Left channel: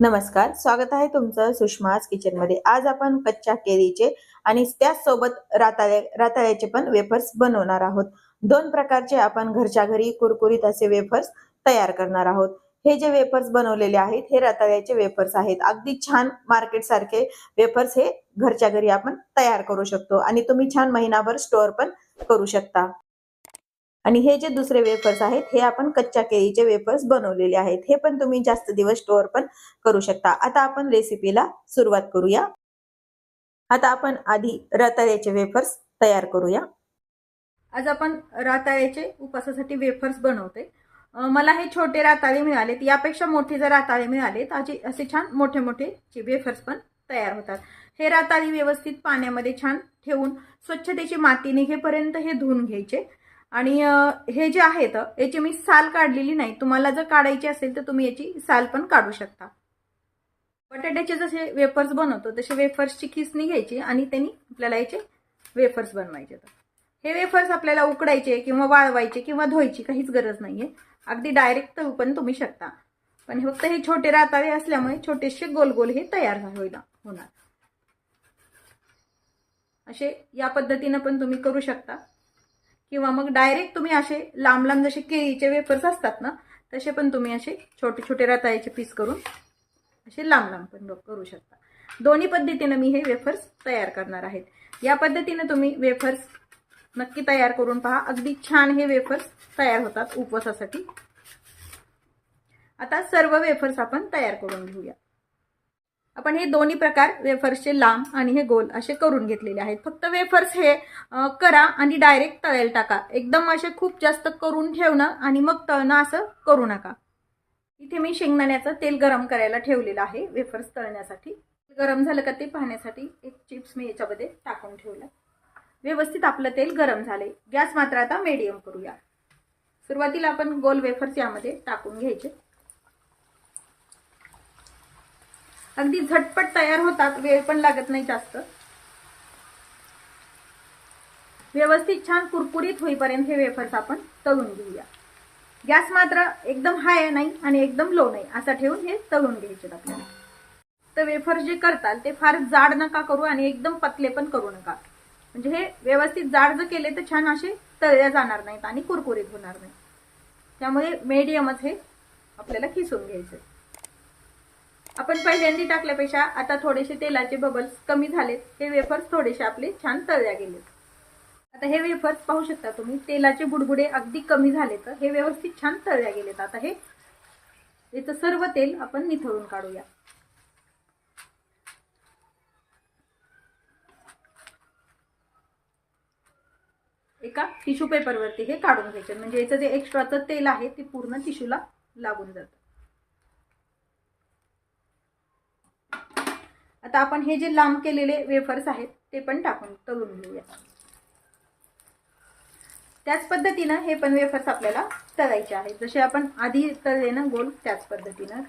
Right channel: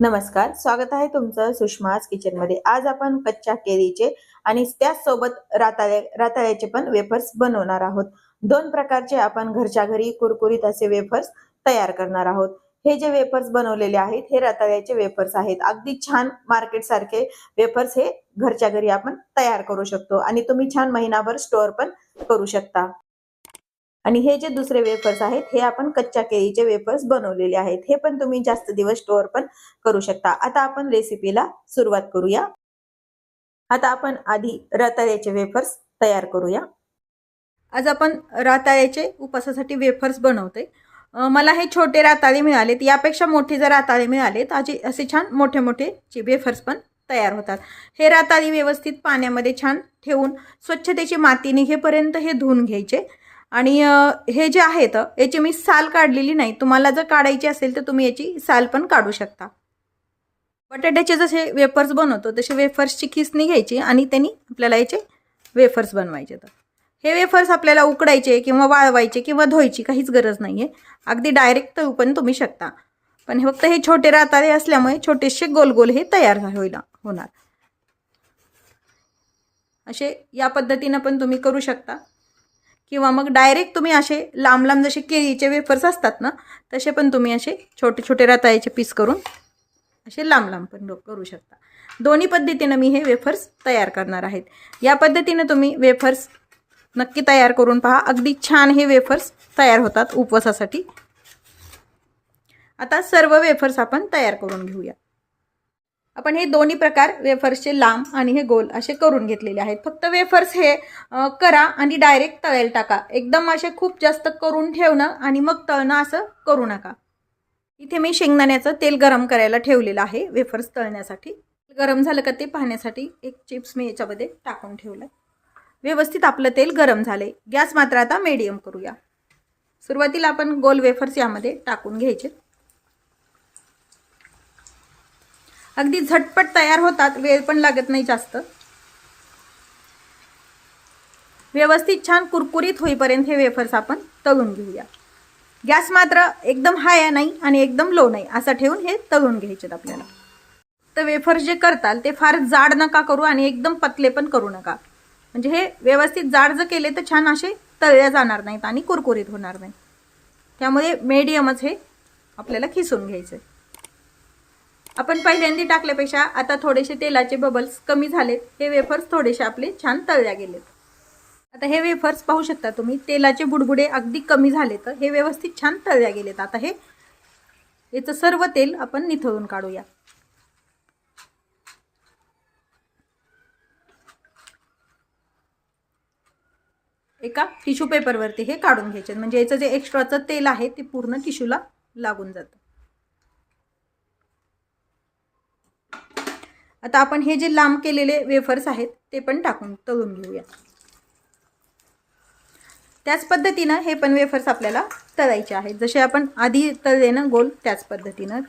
नमस्कार स्वागत आहे तुमचं सुषमाज किचनमध्ये. आज आपण कच्च्या केळीचे आणि त्याचसोबत राताळे राताळ्याचे पण वेफर्स बनवणार आहोत. दोन प्रकारचे आपण घरच्या घरी कुरकुरीत असे वेफर्स तयार करणार आहोत. हे जे वेफर्स बनवलेले आहेत हे रताळ्याचे वेफर्स आहेत. अगदी छान मार्केट सारखे वेफर्स हे घरच्या घरी आपण तयार करू शकतो आणि तुम्ही छान महिनाभर स्टोअर पण करू शकता. आणि हे जे दुसरे वेफर्स आहेत हे आपण कच्च्या केळीचे वेफर्स बनवलेले आहेत. हे पण तुम्ही जास्त दिवस स्टोअर पण करू शकता. आता आपण रेसिपीला सुरुवात करूया. आता आपण आधी रताळ्याचे वेफर्स तयार करूया. आज आपण राताळ्याचे उपासासाठी वेफर्स बनवते मला हे छोटे राताळे मिळालेत. यापेक्षा मोठे जर राताळे मिळालेत असे असे छान मोठे मोठे वेफर्स पण तयार होतात. हे राताळी व्यवस्थित पाण्यामध्ये छान ठेवून स्वच्छतेची माती निघेपर्यंत हे धुवून घ्यायचे. आणि हे जे आहेत याची मी साल काढलेली नाही. तुम्हाला जर काढायची असेल तर तुम्ही याची साल पण काढू शकता. बटाट्याचे जसे वेफर्स बनवतो तसे वेफर्सची खिसणी घ्यायची आणि त्यांनी आपल्याला याचे वेफर्स बनवायचे. तर हे वेफर्स आपल्याला उकडायचे किंवा वाळवायचे किंवा धुवायची काहीच गरज नाही आहे अगदी डायरेक्ट तळू पण तुम्ही शकता. पण फक्त हे छोटे रातारे असल्यामुळे छोटेसे गोल गोल हे तयार होईल होणार. असे या पद्धतीनं पण तुम्ही करू शकता. किंवा मग डायरेक्ट तुम्ही असे लांब लांब जसे केळीचे वेफर्स असतात ना तसे पण तुम्ही असे छोटे छोटे रताळ्याचे पीस करून असे लांब लांब पण करू शकता. दोन्ही पद्धतीनं मी हे वेफर्स तयार करणार आहेत. या पद्धतीनं तुम्ही वेफर्स नक्की तयार करून पहा. अगदी छान हे वेफर्स तयार होतात उपवासासाठी. आता सर्व वेफर्स आपण तयार करून घेऊया. आपण हे दोन्ही प्रकार वेफर्सचे लांब आणि हे गोल असे करून घेतलेले आहेत. फक्त वेफर्स हे करा आणि डायरेक्ट तळायला टाका. एकदम असे खूप जास्त करून ठेवणं आणि मग तळणं असं करू नका. इथे मी शेंगदाण्याचं तेल गरम करायला ठेवलेलं आहे वेफर्स तळण्यासाठी. गरम झालं का ते पाहण्यासाठी एक चिप्स मी याच्यामध्ये टाकून ठेवलं व्यवस्थित आपलं तेल गरम झाले गॅस मात्र आता मीडियम करूया. सुरुवातीला आपण गोल वेफर्स यामध्ये टाकून घ्यायचे. अगदी झटपट तयार होतात. वेळ पण लागत नाही जास्त. व्यवस्थित छान कुरकुरीत होईपर्यंत हे वेफर्स आपण तळून घेऊया. गॅस मात्र एकदम हाय नाही आणि एकदम लो नाही असं ठेवून हे तळून घ्यायचे आपल्याला. तर वेफर्स जे करताल ते फार जाड नका करू आणि एकदम पतले पण करू नका. म्हणजे हे व्यवस्थित जाड जर केले तर छान असे तळल्या जाणार नाहीत आणि कुरकुरीत होणार नाही त्यामुळे मीडियमच हे आपल्याला खिसून घ्यायचे आपण पहिल्यांदा टाकल्यापेक्षा आता थोडेसे तेलाचे बबल्स कमी झालेत. हे वेफर्स थोडेसे आपले छान तळल्या गेलेत. आता हे वेफर्स पाहू शकता तुम्ही तेलाचे बुडबुडे अगदी कमी झाले तर हे व्यवस्थित छान तळल्या गेलेत. आता हे याचं सर्व तेल आपण निथळून काढूया. एका टिश्यू पेपरवरती हे काढून घ्यायचे. म्हणजे याचं जे एक्स्ट्राचं तेल आहे ते पूर्ण टिश्यूला लागून जातं. आता आपण हे जे लांब केलेले वेफर्स आहेत ते पण टाकून तळून घेऊया. त्याच पद्धतीनं हे पण वेफर्स आपल्याला तळायचे आहेत. जसे आपण आधी तळले ना गोल त्याच पद्धतीनं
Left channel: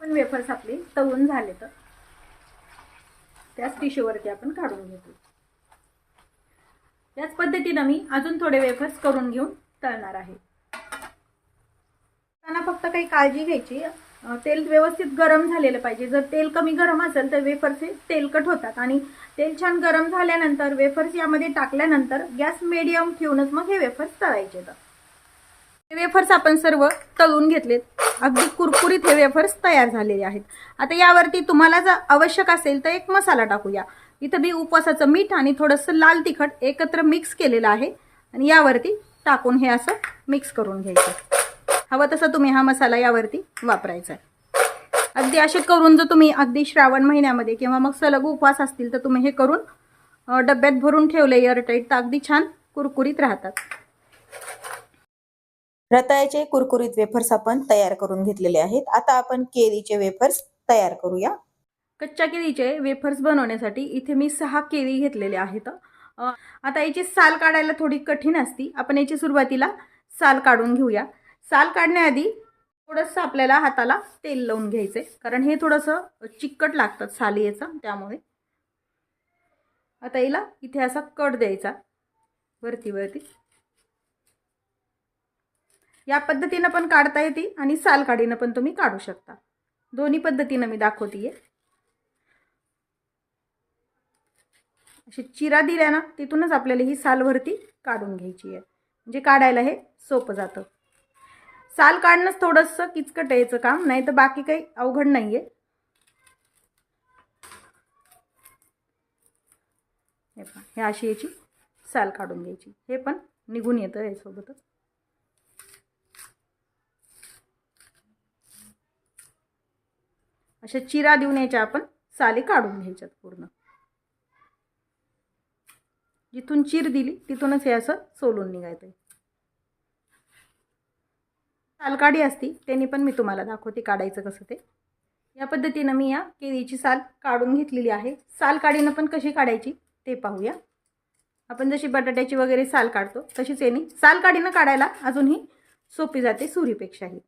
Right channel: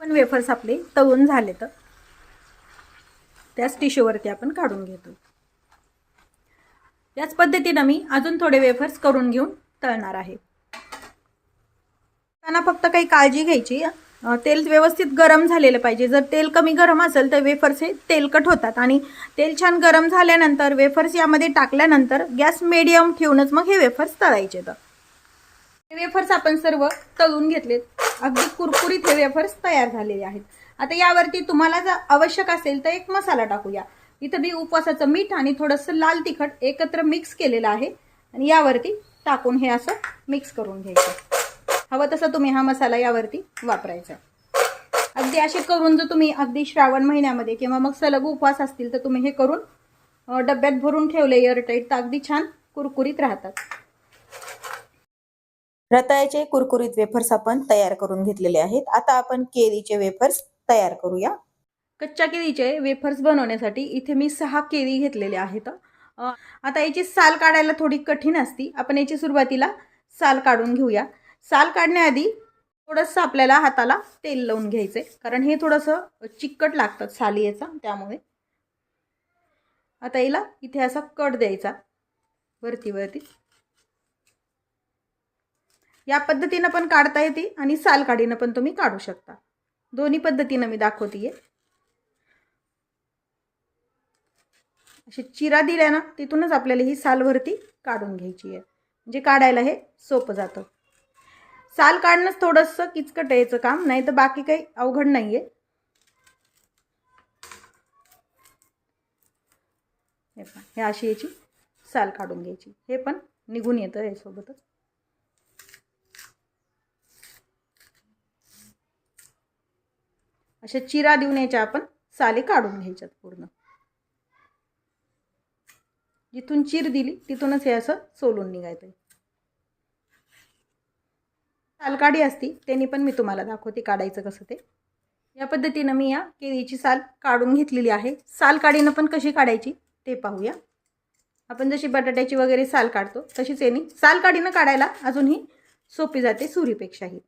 पण वेफर्स आपले तळून झाले तर. त्याच टिश्यूवरती आपण काढून घेतो. याच पद्धतीनं मी अजून थोडे वेफर्स करून घेऊन तळणार आहे. त्यांना फक्त काही काळजी घ्यायची तेल व्यवस्थित गरम झालेलं पाहिजे. जर तेल कमी गरम असेल तर वेफर्स हे तेलकट होतात आणि तेल छान गरम झाल्यानंतर वेफर्स यामध्ये टाकल्यानंतर गॅस मिडियम ठेवूनच मग हे वेफर्स तळायचे तर. हे वेफर्स आपण सर्व तळून घेतले अगदी कुरकुरीत हे वेफर्स तयार झालेले आहेत. आता यावरती तुम्हाला जर आवश्यक असेल तर एक मसाला टाकूया. इथं मी उपवासाचं मीठ आणि थोडंसं लाल तिखट एकत्र मिक्स केलेलं आहे. आणि यावरती टाकून हे असं मिक्स करून घ्यायचं. हवं तसं तुम्ही हा मसाला यावरती वापरायचा. अगदी असे करून जर तुम्ही अगदी श्रावण महिन्यामध्ये किंवा मग सलग उपवास असतील तर तुम्ही हे करून डब्यात भरून ठेवले एअरटाईट तर अगदी छान कुरकुरीत राहतात. रताळ्याचे कुरकुरीत वेफर्स आपण तयार करून घेतलेले आहेत. आता आपण केळीचे वेफर्स तयार करूया. कच्च्या केळीचे वेफर्स बनवण्यासाठी इथे मी सहा केळी घेतलेले आहेत. आता याची साल काढायला थोडी कठीण असती. आपण याची सुरुवातीला साल काढून घेऊया. साल काढण्याआधी थोडंसं आपल्याला हाताला तेल लावून घ्यायचं आहे कारण हे थोडंसं चिकट लागतात साली याचा त्यामुळे. आता याला इथे असा कट द्यायचा. वरती वरती. या पद्धतीनं पण काढता येते आणि साल काढीनं पण तुम्ही काढू शकता. दोन्ही पद्धतीनं मी दाखवते अशी चिरा दिल्या ना तिथूनच आपल्याला ही सालभरती काढून घ्यायची आहे म्हणजे काढायला हे सोपं जातं. साल काढणंच थोडंसं किचकट आहे याचं काम नाही तर बाकी काही अवघड नाही आहे हे पहा हे अशी याची साल काढून घ्यायची. हे पण निघून येतं यासोबतच. अशा चिरा देऊन याच्या आपण साली काढून घ्यायच्यात पूर्ण. जिथून चिर दिली तिथूनच हे असं सोलून निघायचं सालकाडी असती त्यांनी पण मी तुम्हाला दाखवते काढायचं कसं ते. या पद्धतीनं मी या केळीची साल काढून घेतलेली आहे. साल काढीनं पण कशी काढायची ते पाहूया. आपण जशी बटाट्याची वगैरे साल काढतो तशीच येणे साल काढीनं काढायला अजूनही सोपी जाते सुरीपेक्षाही.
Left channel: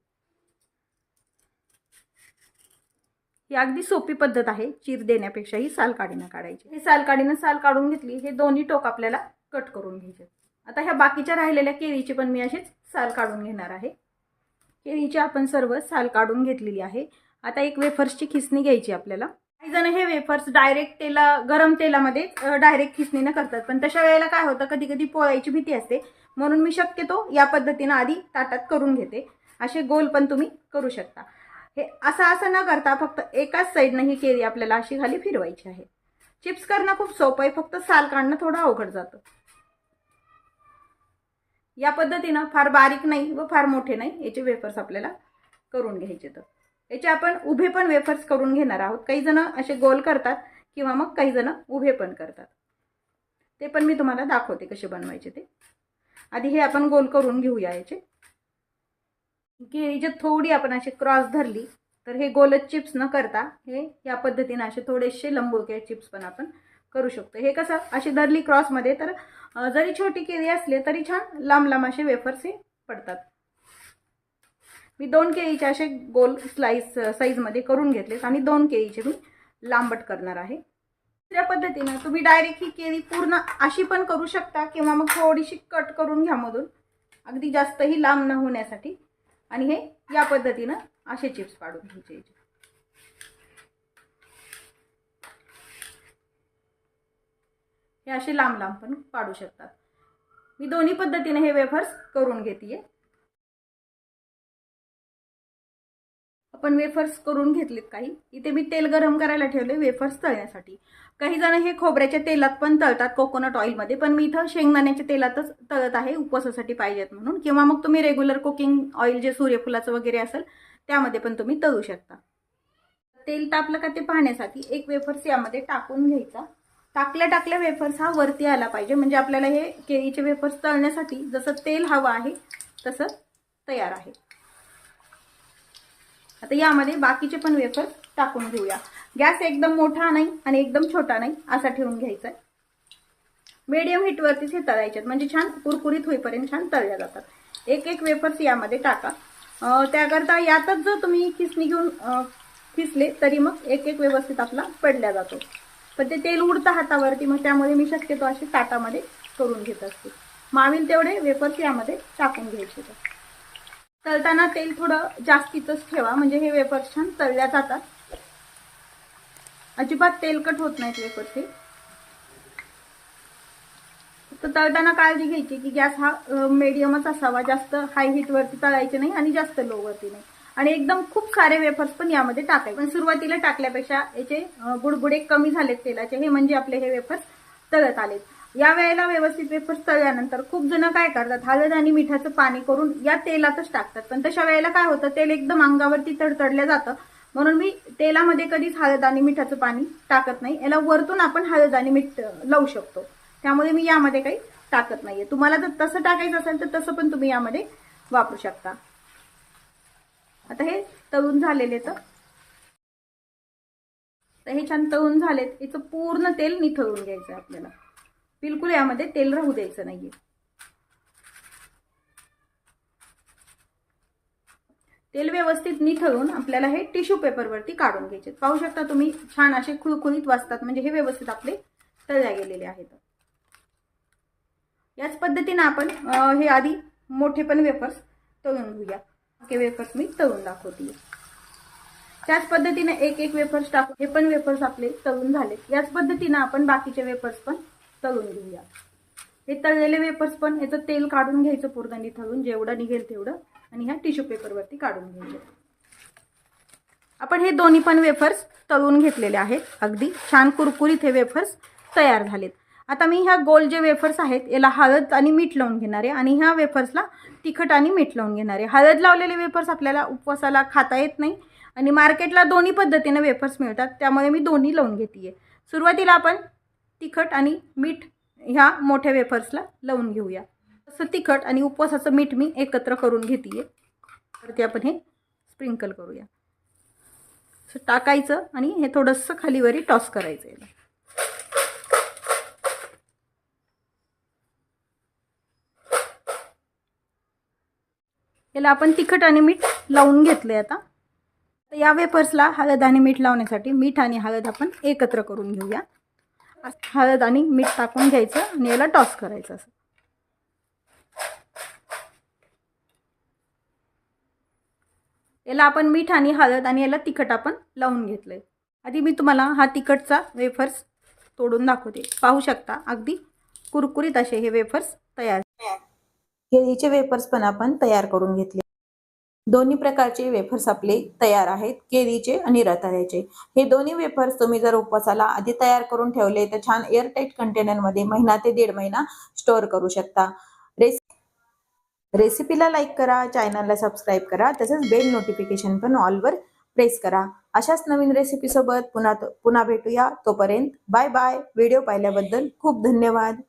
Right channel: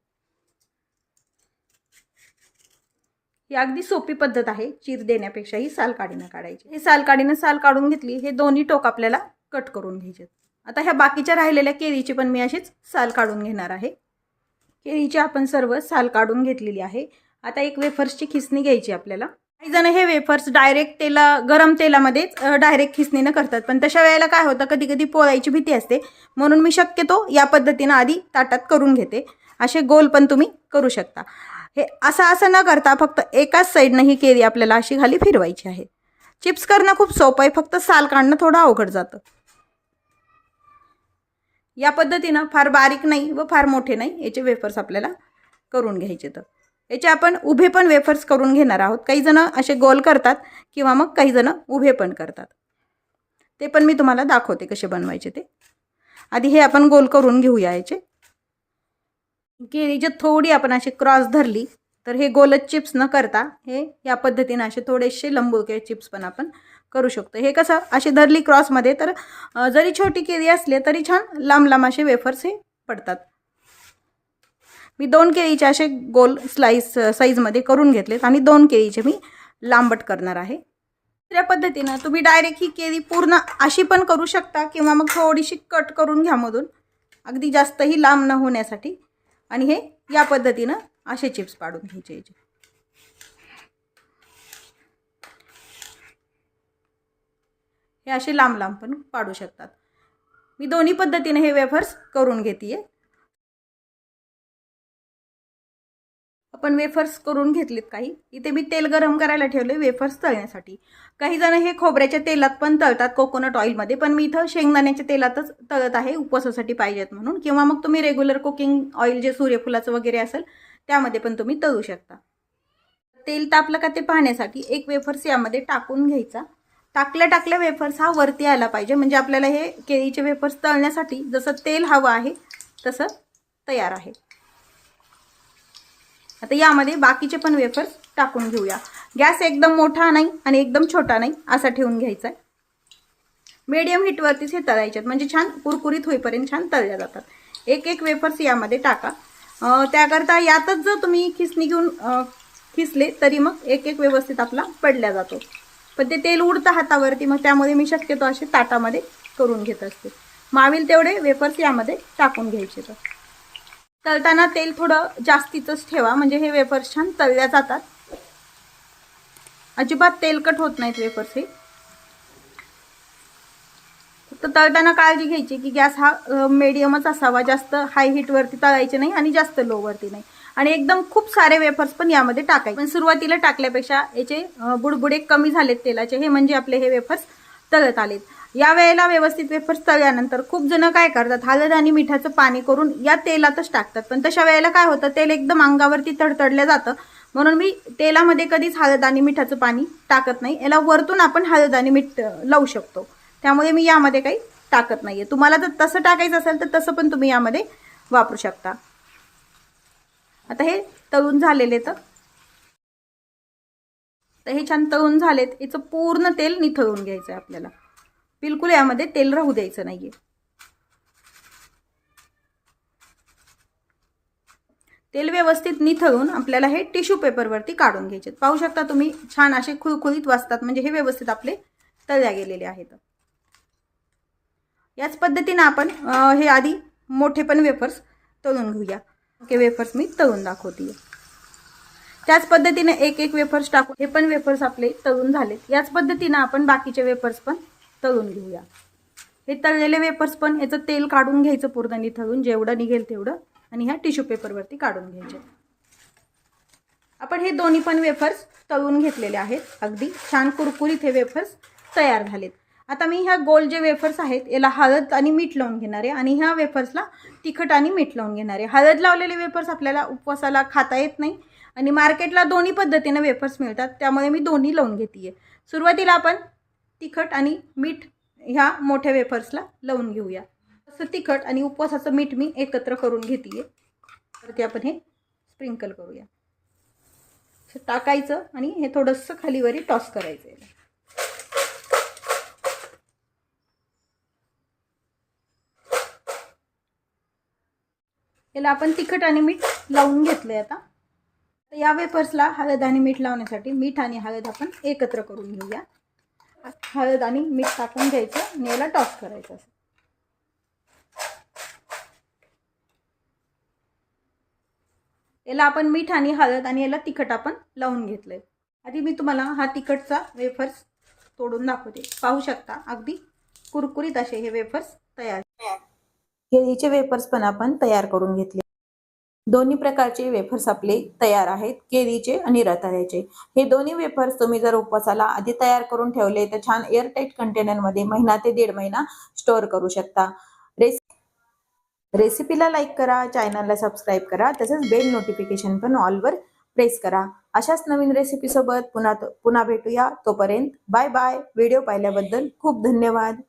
ही अगदी सोपी पद्धत आहे चीर देण्यापेक्षाही साल काढीनं काढायची. हे साल काढीनं साल काढून घेतली हे दोन्ही टोक आपल्याला कट करून घ्यायचे आता ह्या बाकीच्या राहिलेल्या केळीची पण मी अशीच साल काढून घेणार आहे. केळीची आपण सर्व साल काढून घेतलेली आहे. आता एक वेफर्सची खिसणी घ्यायची आपल्याला. काही जण हे वेफर्स डायरेक्ट तेला गरम तेलामध्येच डायरेक्ट खिसणीनं करतात. पण तशा वेळेला काय होतं कधी कधी पोळायची भीती असते. म्हणून मी शक्यतो या पद्धतीनं आधी ताटात करून घेते. असे गोल पण तुम्ही करू शकता. हे असं असं न करता फक्त एकाच साईडनं ही केळी आपल्याला अशी खाली फिरवायची आहे. चिप्स करणं खूप सोपं आहे. फक्त साल काढणं थोडं अवघड जातं. या पद्धतीनं फार बारीक नाही व फार मोठे नाही याचे वेफर्स आपल्याला करून घ्यायचे तर. याचे आपण उभे पण वेफर्स करून घेणार आहोत. काही जण असे गोल करतात किंवा मग काही जण उभे पण करतात. ते पण मी तुम्हाला दाखवते कसे बनवायचे ते. आधी हे आपण गोल करून घेऊया याचे. केळी जे थोडी आपण अशी क्रॉस धरली तर हे गोलच चिप्स न करता हे या पद्धतीनं असे थोडेसे लंबोके चिप्स पण आपण करू शकतो. हे कसं? अशी धरली क्रॉसमध्ये तर जरी छोटी केळी असली तरी छान लांब लांब असे वेफर्स हे पडतात. मी दोन केळीचे असे गोल स्लाईस साईजमध्ये करून घेतलेत आणि दोन केळीचे मी लांबट करणार आहे. दुसऱ्या पद्धतीनं तुम्ही डायरेक्ट ही केळी पूर्ण अशी पण करू शकता किंवा मग थोडीशी कट करून घ्या मधून. अगदी जास्तही लांब न होण्यासाठी. आणि हे या पद्धतीनं असे चिप्स पाडून घ्यायचे हे असे लांब लांब पण पाडू शकतात. मी दोन्ही पद्धतीने हे वेफर्स करून घेते आपण वेफर्स करून घेतलेत काही. इथे मी तेल गरम करायला ठेवले वेफर्स तळण्यासाठी. काही जण हे खोबऱ्याच्या तेलात पण तळतात कोकोनट ऑइलमध्ये पण मी इथं शेंगदाण्याच्या तेलातच तळत आहे उपवासासाठी पाहिजेत म्हणून. किंवा मग तुम्ही रेग्युलर कुकिंग ऑइल जे सूर्यफुलाचं वगैरे असेल त्यामध्ये पण तुम्ही तळू शकता. तेल तापलं का ते पाहण्यासाठी एक वेफर्स यामध्ये टाकून घ्यायचा. टाकल्या टाकल्या वेफर्स हा वरती यायला पाहिजे. म्हणजे आपल्याला हे केळीचे वेफर्स तळण्यासाठी जसं तेल हवं आहे तसं तयार आहे. आता यामध्ये बाकीचे पण वेफर्स टाकून घेऊया. गॅस एकदम मोठा नाही आणि एकदम छोटा नाही असा ठेवून घ्यायचा आहे. मीडियम हीटवरतीच हे तळायचे आहेत. म्हणजे छान कुरकुरीत होईपर्यंत छान तळल्या जातात. एक एक वेफर्स यामध्ये टाका. त्याकरता यातच जर तुम्ही खिसणी घेऊन खिसले तरी मग एक एक व्यवस्थित आपला पडल्या जातो. पण ते तेल उडतं हातावरती मग त्यामुळे मी शक्यतो असे ताटामध्ये करून घेत असते. मावील तेवढे वेफर्स यामध्ये टाकून घ्यायचे तर तळताना तेल थोडं जास्तीचंच ठेवा म्हणजे हे वेफर्स छान तळल्या जातात. अजिबात तेलकट होत नाहीत वेफर्स हे. फक्त तळताना काळजी घ्यायची की गॅस हा मीडियमच असावा. जास्त हाय हीटवरती तळायचे नाही आणि जास्त लोवरती नाही. आणि एकदम खूप सारे वेफर्स पण यामध्ये टाकायचे. पण सुरुवातीला टाकल्यापेक्षा याचे बुडबुडे कमी झालेत तेलाचे. हे म्हणजे आपले हे वेफर्स तळत आलेत. या वेळेला व्यवस्थित वेफर्स तळल्यानंतर खूप जण काय करतात? हळद आणि मिठाचं पाणी करून या तेलातच टाकतात. पण तशा वेळेला काय होतं? तेल एकदम अंगावरती तडतडलं जातं. म्हणून मी तेलामध्ये कधीच हळद आणि मिठाचं पाणी टाकत नाही. याला वरतून आपण हळद आणि मीठ लावू शकतो. त्यामुळे मी यामध्ये काही टाकत नाहीये. तुम्हाला जर तसं टाकायचं असेल तर तसं पण तुम्ही यामध्ये वापरू शकता. आता हे तळून झालेले तर तर हे छान तळून झालेत. याचं पूर्ण तेल निथळून घ्यायचं आहे आपल्याला. बिलकुल यामध्ये तेल राहू द्यायचं नाहीये. तेल व्यवस्थित निथळून आपल्याला हे टिश्यू पेपरवरती काढून घ्यायचे पाहू शकता तुम्ही छान असे खुळखुळीत वाचतात म्हणजे हे व्यवस्थित आपले तळल्या गेलेले आहेत. याच पद्धतीने आपण हे आधी मोठे पण वेफर्स तळून घेऊया. ओके वेफर्स मी तळून दाखवते त्याच पद्धतीने एक एक वेफर्स टाकू हे पण वेफर्स आपले तळून झाले याच पद्धतीनं आपण बाकीचे वेफर्स पण तळून घेऊया. हे तळलेले वेफर्स पण याचं तेल काढून घ्यायचं पुरदानी निथळून जेवढं निघेल तेवढं आणि ह्या टिश्यू पेपरवरती काढून घ्यायचे. आपण हे दोन्ही पण वेफर्स तळून घेतलेले आहेत. अगदी छान कुरकुरीत हे वेफर्स तयार झालेत. आता मी ह्या गोल जे वेफर्स आहेत याला हळद आणि मीठ लावून घेणार आहे. आणि ह्या वेफर्सला तिखट आणि मीठ लावून घेणार आहे. हळद लावलेले वेफर्स आपल्याला उपवासाला खाता येत नाही. आणि मार्केटला दोन्ही पद्धतीनं वेफर्स मिळतात. त्यामुळे मी दोन्ही लावून घेते सुरुवातीला आपण तिखट आणि मीठ ह्या मोठ्या वेफर्सला लावून घेऊया. तसं तिखट आणि उपवासाचं मीठ मी एकत्र करून घेते तर ते आपण हे स्प्रिंकल करूया. असं टाकायचं आणि हे थोडंसं खालीवरी टॉस करायचं याला आपण तिखट आणि मीठ लावून घेतलंय आता. या वेपर्सला हळद आणि मीठ लावण्यासाठी मीठ आणि हळद आपण एकत्र करून घेऊया. हळद आणि मीठ टाकून घ्यायचं आणि याला टॉस करायचं असं. याला आपण मीठ आणि हळद आणि याला तिखट आपण लावून घेतलंय. आधी मी तुम्हाला हा तिखटचा वेफर्स तोडून दाखवते. पाहू शकता अगदी कुरकुरीत असे हे वेफर्स तयार केळीचे वेफर्स पण आपण तयार करून घेतले. दोन्ही प्रकारचे वेफर्स आपले तयार आहेत केळीचे आणि रताळ्याचे. हे दोन्ही वेफर्स तुम्ही जर उपवासाला आधी तयार करून ठेवले तर छान एअरटाईट कंटेनरमध्ये महिना ते दीड महिना स्टोअर करू शकता. रेस रेसिपीला लाईक करा चॅनलला सबस्क्राईब करा तसंच बेल नोटिफिकेशन पण ऑलवर प्रेस करा. अशाच नवीन रेसिपीसोबत पुन्हा पुन्हा भेटूया. तोपर्यंत बाय बाय व्हिडिओ पाहिल्याबद्दल खूप धन्यवाद.